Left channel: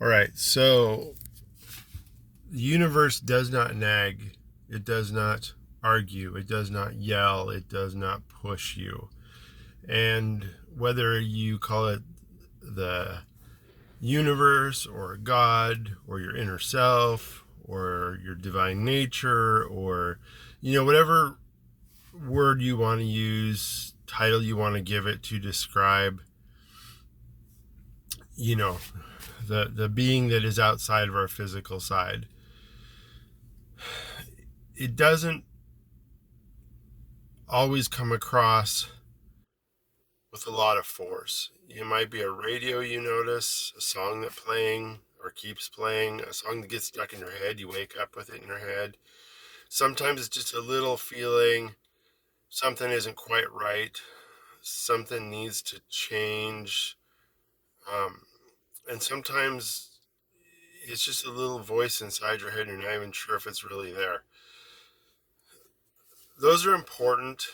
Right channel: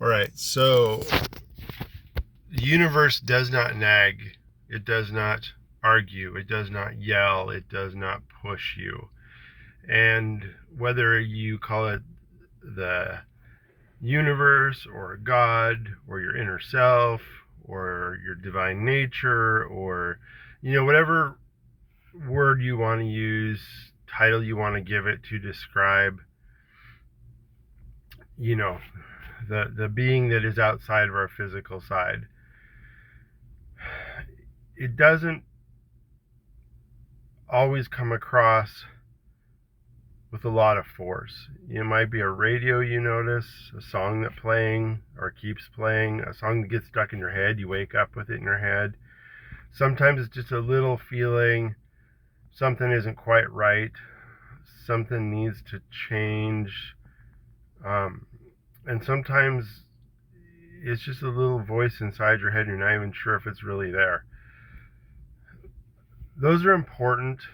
All right, so the universe does not nag, it does not argue, it does not yell, it does not push you. And whether you call it the universe or God or your inner self or your divine nature or, whatever word you want to use, title you want to give it to describe, you know, the being that is outside of our physical side. It doesn't always come across with a lot of force. It might be a radio you notice, a song that playing or keeps playing, a song that gets stuck in your head, you wake up with it in your head. Sometimes it's just a little feeling something isn't quite right, something needs to change. And sometimes it's just a little voice inside your head and you're not even sure if it's really there. Those are important,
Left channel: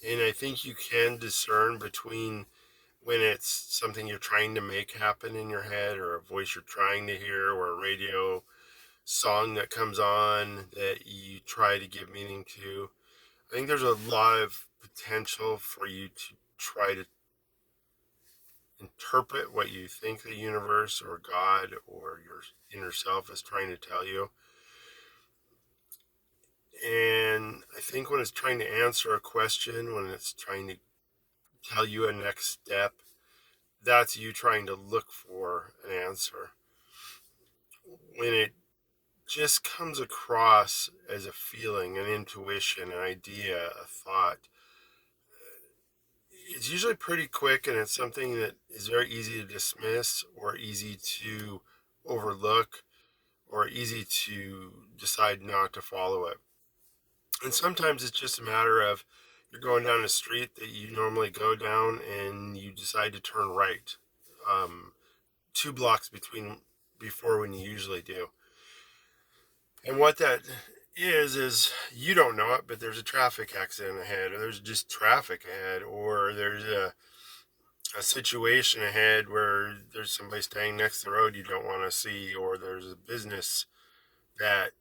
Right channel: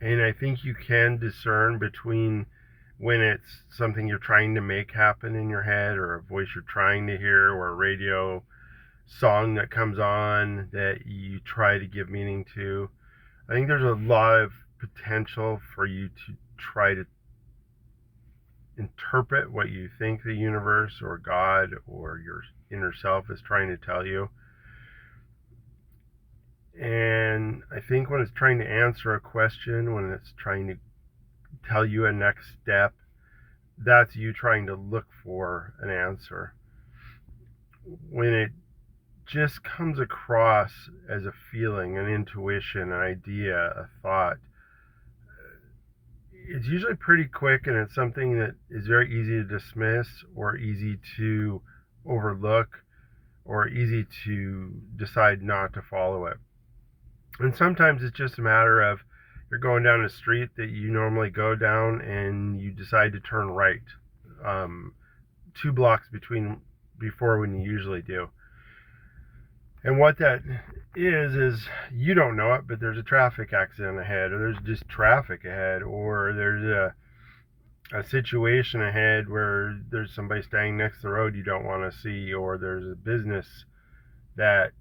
and I think you can discern between when it's something you're trying to make happen in your head or a voice you're trying to hear or a radio song that comes on that you try to give meaning to. I think there's a lot of potential for you to try to interpret what you think the universe or God or your inner self is trying to tell you. And I think when it's trying to answer a question, when it's trying to tell you a next step, that's you trying to look for an answer. When it just comes across as a feeling, an intuition, an idea, a thought, it's usually pretty quick, and it's something that is very easy to dismiss or easy to overlook or easy to decide not to follow it. And sometimes it's just a matter of you're going down a street that you normally go down and you decide to turn right, 2 blocks before when you usually do. And what that is you don't know it, but there's a traffic accident ahead, or there's just traffic ahead, or there's a situation ahead where there's somebody standing next to the road you don't want to see, or there's a business that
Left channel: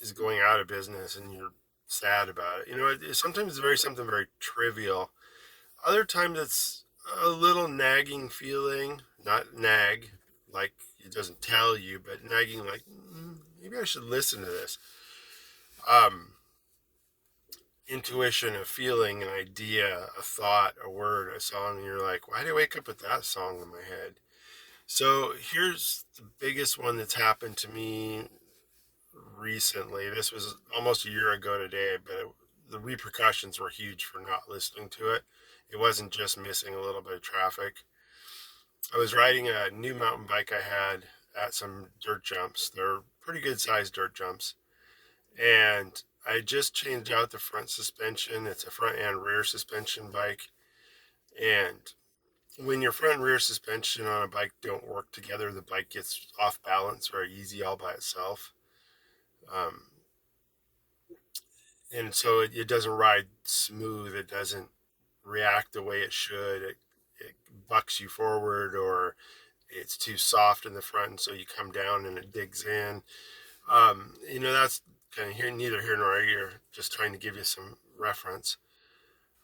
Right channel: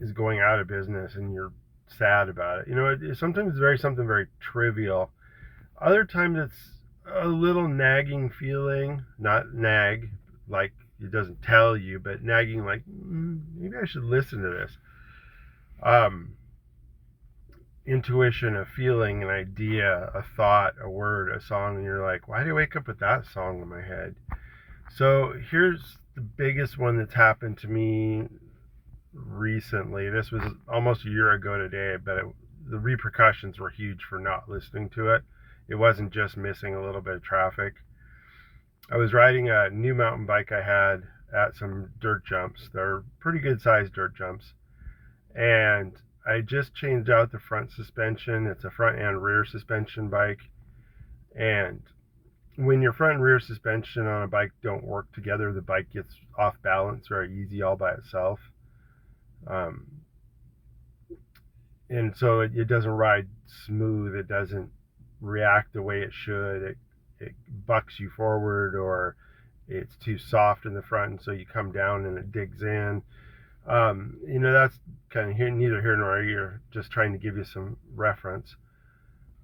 is going out of business and you're sad about it. Sometimes it's something very trivial. Other times it's a little nagging feeling, not nag like it doesn't tell you, but nagging like maybe I should listen to this. Intuition, a feeling, an idea, a thought, a word, a song, and you're like, why did I wake up with that song in my head? So here's the biggest one that's happened to me recently. This was almost a year ago today, but the repercussions were huge for not listening to it. It wasn't just missing a little bit of traffic. I was riding a new mountain bike I had at some dirt jumps. They're pretty good sized dirt jumps. And I just changed out the front suspension. It's a front and rear suspension bike. And when your front and rear suspension on a bike don't work together, the bike gets off balance very easy all by itself. And so it doesn't ride smooth. It doesn't react the way it should. It bucks you forward, or it's too soft in the front, and so you come down and it digs in. That's kind of neither here nor here, just trying to give you some reference.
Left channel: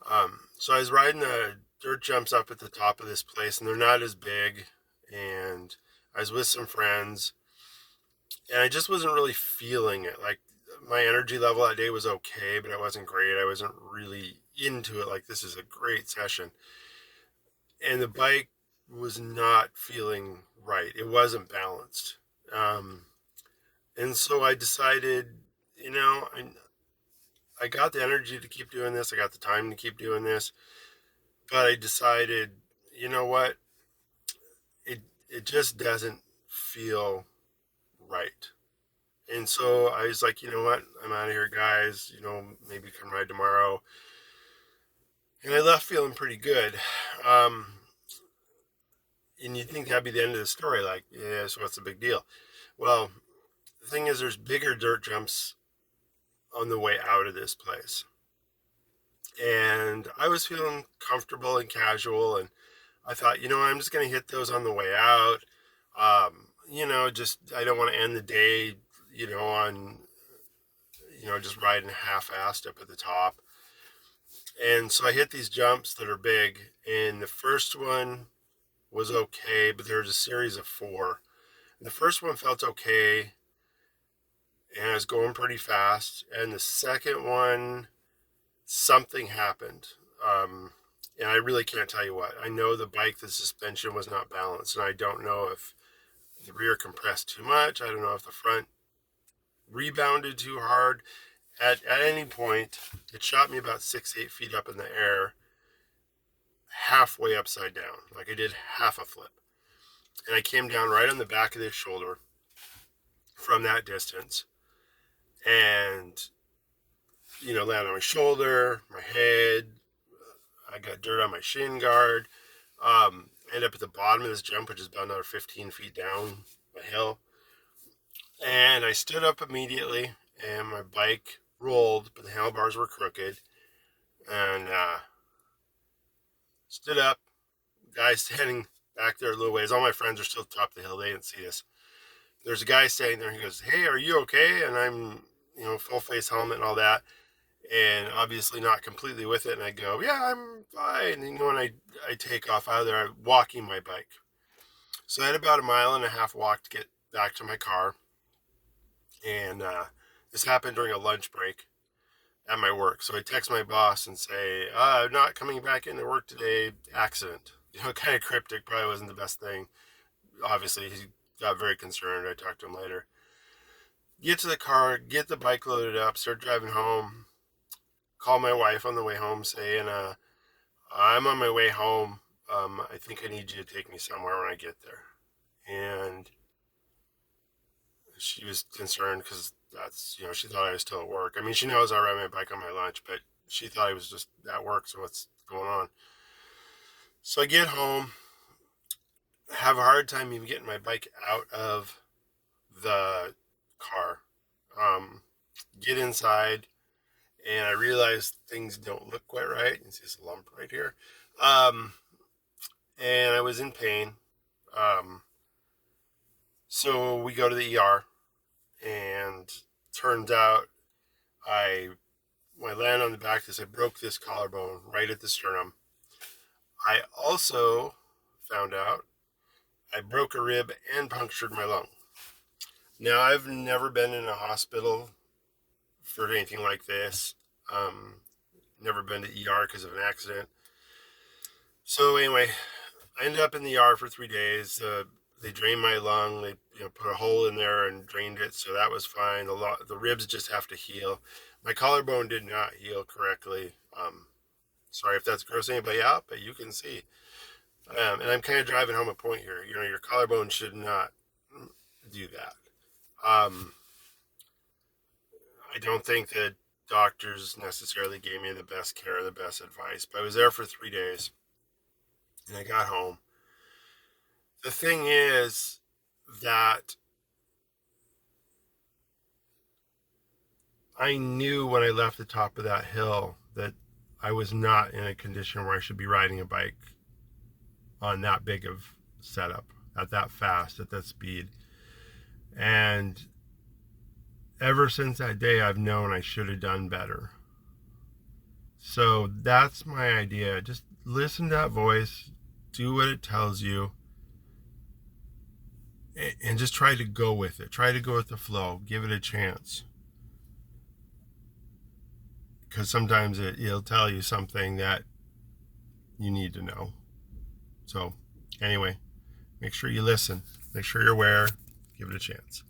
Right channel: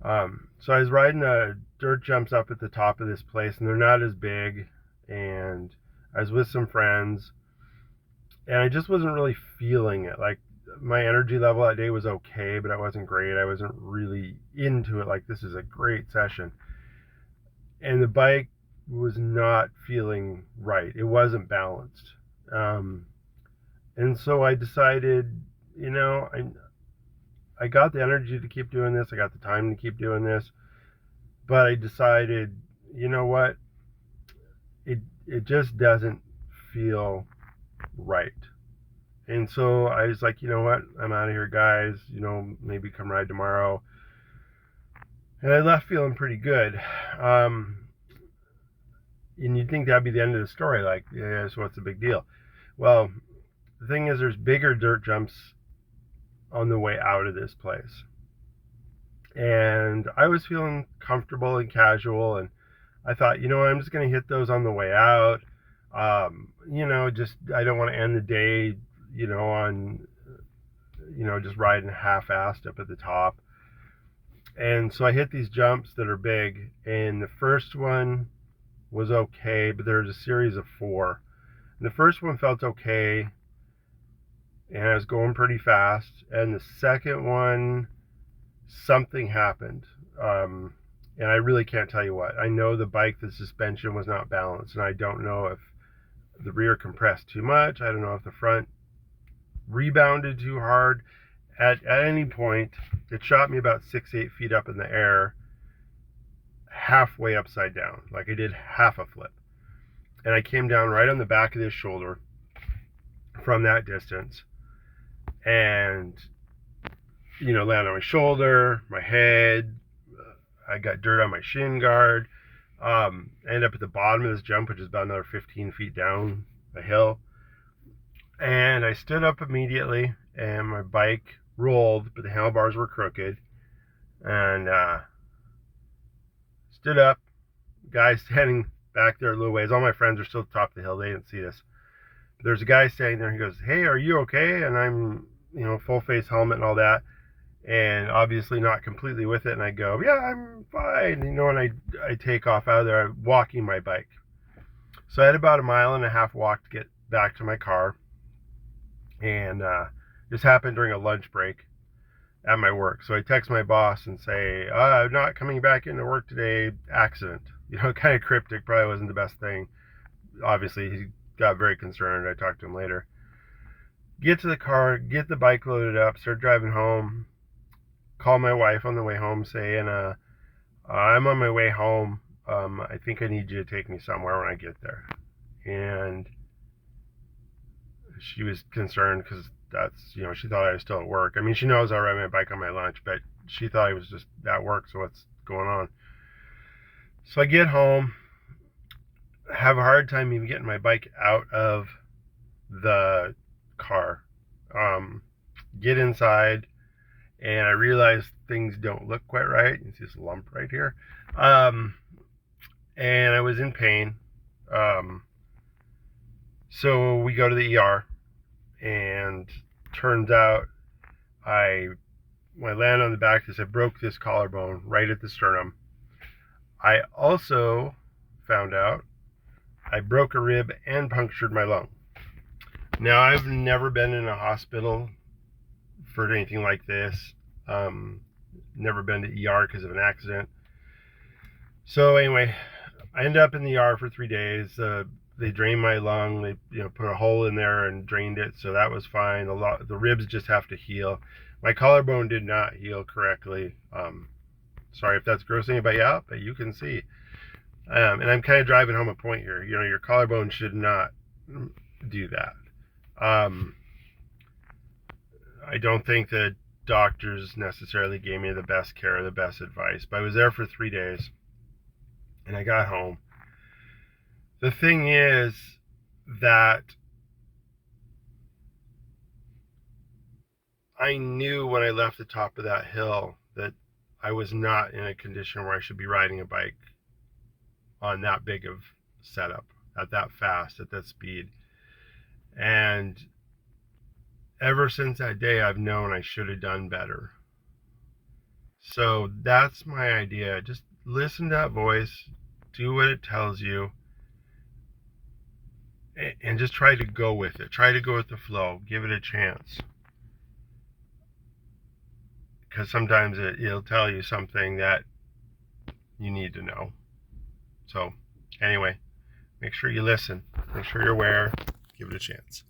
So I was riding the dirt jumps up at the top of this place, and they're not as big, and I was with some friends, and I just wasn't really feeling it. Like, my energy level that day was okay, but it wasn't great. I wasn't really into it like this is a great session. And the bike was not feeling right. It wasn't balanced. And so I decided, I got the energy to keep doing this. I got the time to keep doing this. But I decided, you know what? It just doesn't feel right. And so I was like, you know what? I'm out of here, guys. Maybe come ride tomorrow. And I left feeling pretty good. And you'd think that'd be the end of the story. Like, yeah, so what's the big deal? Well, the thing is, there's bigger dirt jumps on the way out of this place. And I was feeling comfortable and casual, and I thought, I'm just going to hit those on the way out. Just I don't want to end the day, on, just riding half-assed up at the top. And so I hit these jumps that are big, and the first one was okay, but there's a series of 4. And the first one felt okay, and I was going pretty fast. And the second one, something happened. And I really can't tell you what. I know the suspension was not balanced, and I don't know if the rear compressed too much. I don't know if the front rebounded too hard. At any point, it shot me about 6-8 feet up in the air, halfway upside down. Like I did half a flip. And I came down right on the back of this shoulder from that distance. And, landed on my shoulder, my head. I got dirt on my shin guard. I ended up at the bottom of this jump, which is about another 15 feet down a hill. And I stood up immediately, and my bike rolled, but the handlebars were crooked. And stood up. Guy standing back there a little ways. All my friends are still at the top of the hill. They didn't see this. There's a guy standing there. He goes, "Hey, are you okay?" And I'm, full face helmet and all that. And obviously not completely with it. And I go, "Yeah, I'm fine." And I take off out of there, I'm walking my bike. So I had about 1.5 miles walk to get back to my car. And this happened during a lunch break at my work. So I text my boss and say, "I'm not coming back into work today, accident." Kind of cryptic, probably wasn't the best thing. Obviously, he got very concerned. I talked to him later. Get to the car, get the bike loaded up, start driving home. Call my wife on the way home saying, "I'm on my way home. I think I need you to take me somewhere when I get there." And she was concerned because that's, she thought I was still at work. I mean, she knows I ride my bike on my lunch, but she thought I was just at work. So what's going on? So I get home, have a hard time even getting my bike out of the car. Get inside, and I realize things don't look quite right. You see this lump right here. And I was in pain. So we go to the ER, and turns out when I land on the back of this, I broke this collarbone right at the sternum. I also found out I broke a rib and punctured my lung. Now, I've never been in a hospital for anything like this. Never been to ER because of an accident. So anyway, I ended up in the ER for 3 days. They drained my lung. They put a hole in there and drained it, so that was fine. The ribs just have to heal. My collarbone did not heal correctly. Sorry if that's grossing anybody out, but you can see. And I'm kind of driving home a point here. Your collarbone should not do that. I don't think that doctors necessarily gave me the best care or the best advice, but I was there for 3 days, and I got home. The thing is that I knew when I left the top of that hill that I was not in a condition where I should be riding a bike on that big of setup, at that fast, at that speed. And ever since that day, I've known I should have done better. So that's my idea. Just listen to that voice, do what it tells you, and just try to go with it. Try to go with the flow. Give it a chance. Because sometimes it'll tell you something that you need to know. So anyway, make sure you listen. Make sure you're aware. Give it a chance.